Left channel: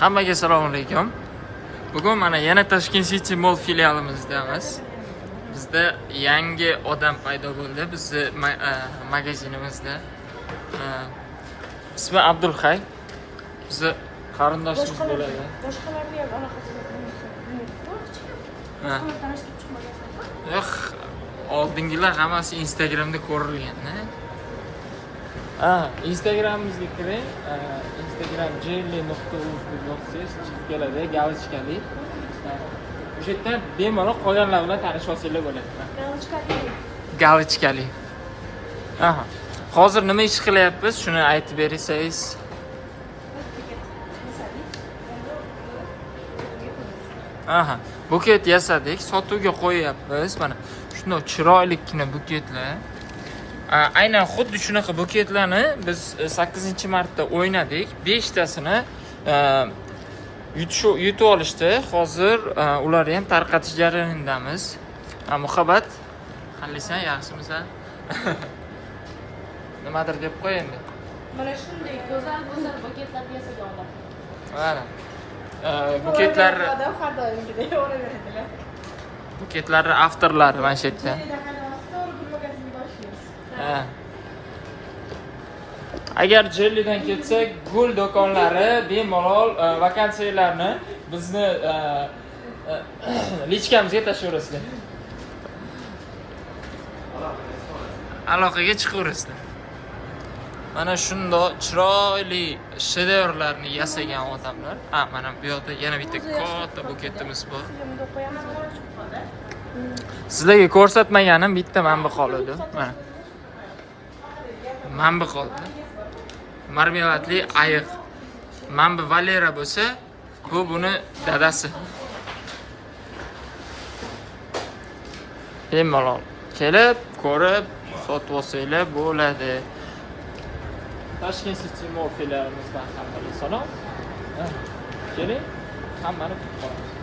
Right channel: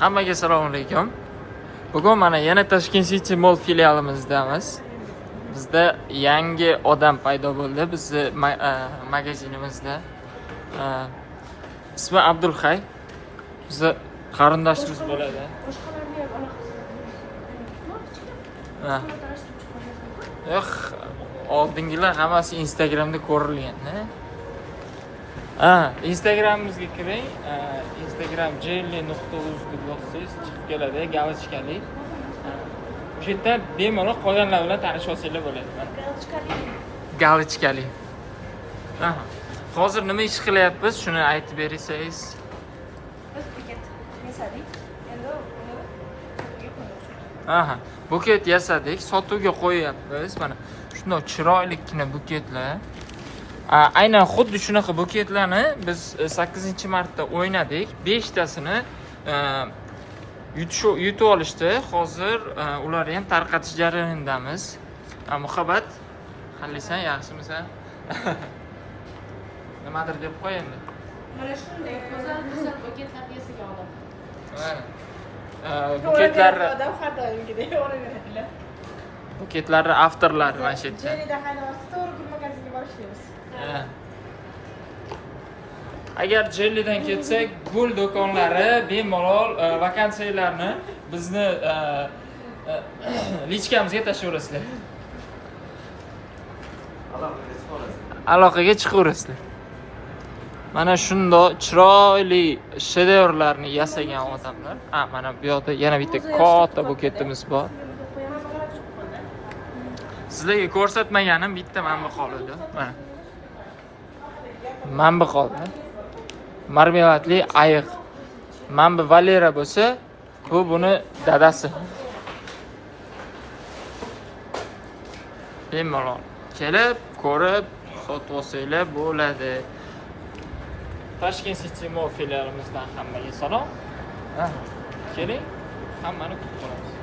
Hammaga assalomu alaykum. Bugun mana yana Tashkent City Mall filialimizdamiz. Bizda yangi odam paydo bo'ldi bizni magazinimizda. Ismi Abdulhay. Bizni qarindoshimiz bo'ladi. Yo'q, oldingilar hammasi Instagramda ko'rilgan, Instagramimizga kiring. Instagram jelly.uz deb yozsangiz chiqib keladi, galochkali. O'sha yerda bemalol qolganlar bilan tanisha olsanglar bo'ladi. Galochkali. Hozir nima ish qilyapmiz? Shuni aytib bersangiz. Buket yasadik, sotuvga qo'yapmiz. Mana shunday chiroylikgina buketlar. Aynan xuddi shunaqa buketlarni biz 8-martda o'ynadik. 5tasini yutib olishdi. Hozir ularni ham tarqatish jarayonidamiz. Muhabbat, qalisan, yaxshimisan? Nimadir deb qo'y endi. Mana shunday go'zal buketlar yasaga olib. Mana. Buketlarni har doimgidek o'raveradilar. Buketlarni avtorlari mana shu yerda. Agar Jellidan ketsak, gul do'konlari bemalol vakansiyalarni bizni lichkamizga tashlayverasizlar. Aloqaga chiqaverasizlar. Mana shunday chiroyli shedevrlarni yasagan odamlar. Mana bu yerda yana bitta katta buketimiz bor. Sizlarga ko'rsatmaganim bitta manba qoldi. Mana. Manba qoldi. Marmeladli ayiq. Manba Valera bo'lsa, bu buni dadasi. Bemalol kelib, ko'rib, sotib olsanglar bo'ladi. Tashkent City Mall filialimizdan hammaga salom. Keling, hammani kutib qolamiz.